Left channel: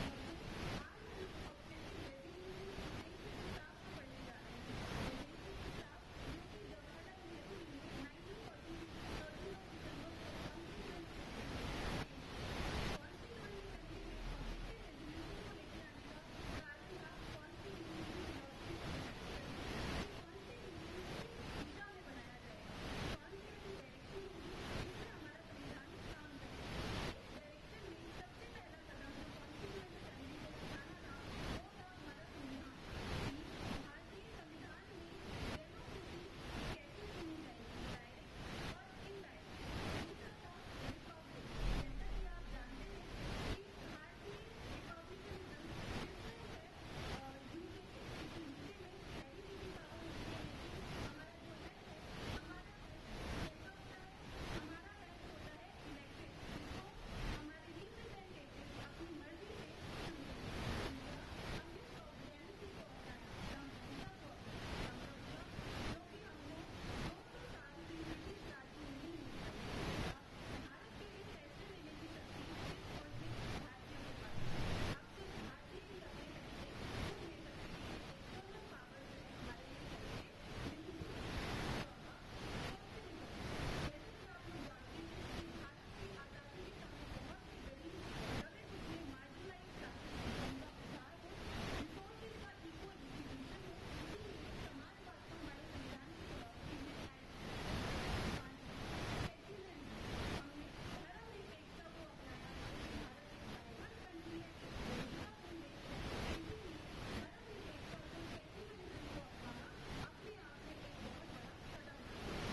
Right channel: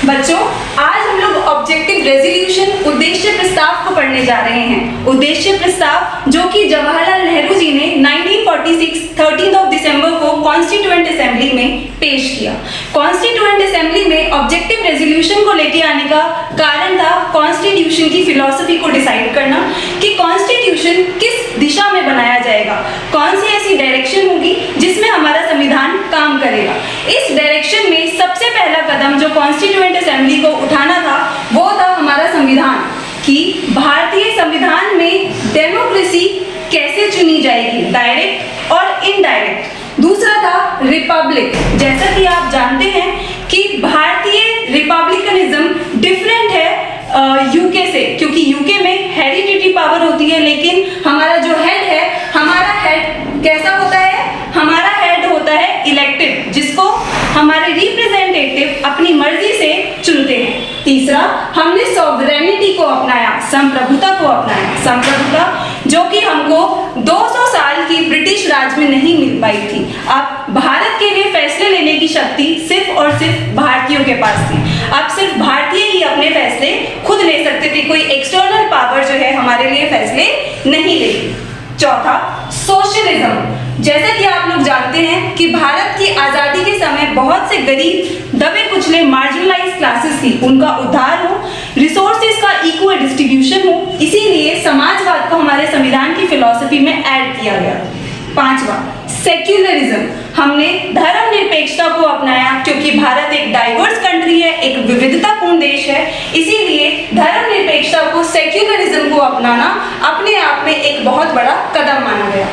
बच्चों, आज हम लोग ऑब्जेक्टिव रेजोल्यूशन उद्देश्य प्रस्ताव को पढ़ने जा रहे हैं। उद्देश्य प्रस्ताव जो कि जवाहरलाल नेहरू जी ने 1946 13 दिसंबर को कॉन्स्टिट्यूएंट असेंबली में पेश किया। कॉन्स्टिट्यूएंट असेंबली में ऑब्जेक्टिव रेजोल्यूशन को लेके आने का कारण था कॉन्स्टिट्यूशन की फिलॉसफी को डिसाइड करना कि कॉन्स्टिट्यूशन किस दिशा में बनाया जाएगा, कौन सी ऐसी डायरेक्शन होगी जिसमें हमारा संविधान काम करेगा। इस डायरेक्शन में सबसे पहला कदम जो कॉन्स्टिट्यूएंट असेंबली को उठाना था वो था हमारा संविधान, कि भारतीय संविधान में डेमोक्रेसी कैसे चुनी जाएगी, डायरेक्ट और इनडायरेक्ट। दूसरा था रिपब्लिक। जैसा कि आप जानते हैं कि भारतीय रिपब्लिकनिज्म डिफरेंट है यूके से, क्योंकि यूके में हेरिडिटरी पावर होती है, लेकिन हमारा जो हेड है, हमारा हेड कैसा होता है? हमारा हेड होता है इलेक्टेड, जिसको हमारे रिप्रेजेंटेटिव अपनी मर्जी से चुनते हैं। तीसरा, हमने सॉवरेनिटी को अपनाया, संप्रभुता को अपनाया। संप्रभुता जो कि हमको 200 साल की ब्रिटिश राज में नहीं मिल पाई थी। अब भारत के लिए फैसले लेने की शक्ति सिर्फ और सिर्फ भारतीयों के पास थी। अब सिर्फ भारतीय ही अपने फैसले खुद ले सकते थे, कोई एक्सटर्नल पावर जो है हमारे लिए फैसले नहीं लेगी। चौथा, सोशलिज्म। जैसा कि आप लोग जानते हैं कि भारत की आजादी के समय बहुत से गरीब, दबे कुचले, मार्जिनलाइज क्लासेस थी, उनका उद्धार हो, रिसोर्सेज का इक्वल डिस्ट्रीब्यूशन हो, इसीलिए समाजवाद को हमारे संविधान की फिलॉसफी में ऐड किया गया। पांचवा, सेक्युलरिज्म। हमने धर्मनिरपेक्षता को अपनाया, क्योंकि भारत एक डाइवर्स कंट्री है, एक विविधतापूर्ण देश है, इसीलिए धर्मनिरपेक्षता को, सेक्युलरिज्म को अपनाना अपने आप में एक बहुत बड़ा कदम माना गया।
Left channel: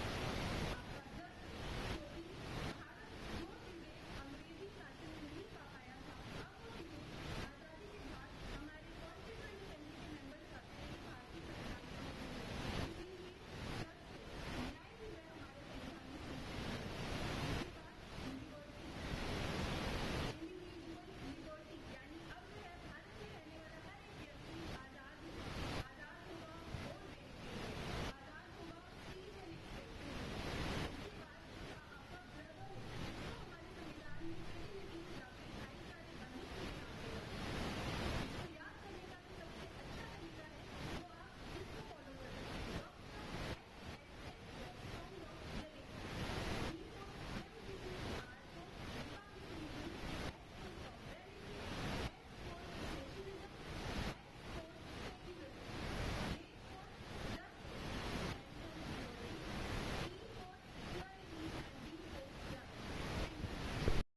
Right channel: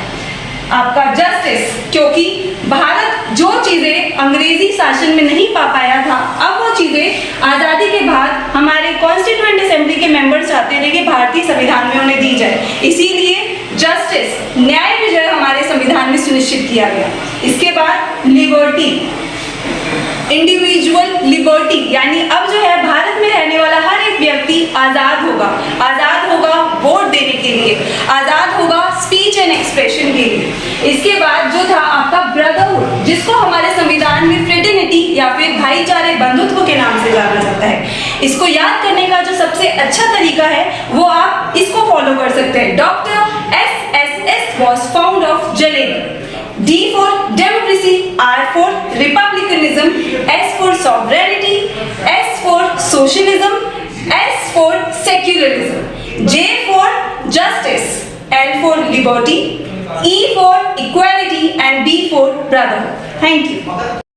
आपका जस्टिस, क्योंकि भारत जो चीजें अंग्रेजी शासन में नहीं पा पाया था, अब वो चीजें आजादी के बाद हमारे कॉन्स्टिट्यूएंट असेंबली के मेंबर्स चाहते थे कि भारतीय संविधान में उन्हें दी जाए, इसीलिए जस्टिस, न्याय विजय हमारे संविधान में सुनिश्चित किया गया। इसके बाद लिबर्टी, इंडिविजुअल लिबर्टी, यानी अब जो है भारत में रहने वाला हर एक व्यक्ति आजाद होगा वोट देने के लिए, आजाद होगा स्पीच एंड एक्सप्रेशन के लिए। इसके बाद जो था आपका ब्रदरहुड, जिसको हमारे संविधान में फ्रेटर्निटी या फिर भाईचारे, बंधुत्व के नाम से जाना जाता है। इसको याद करने का जो सबसे अच्छा तरीका है वो आप इसको फॉलो कर सकते हैं। Doctor SSS was found of Jalali. D for democracy, R for republicanism, S for sovereignty, S for socialism, S for secularism, J for justice, L for liberty, E for equality and B for brotherhood. Thank you.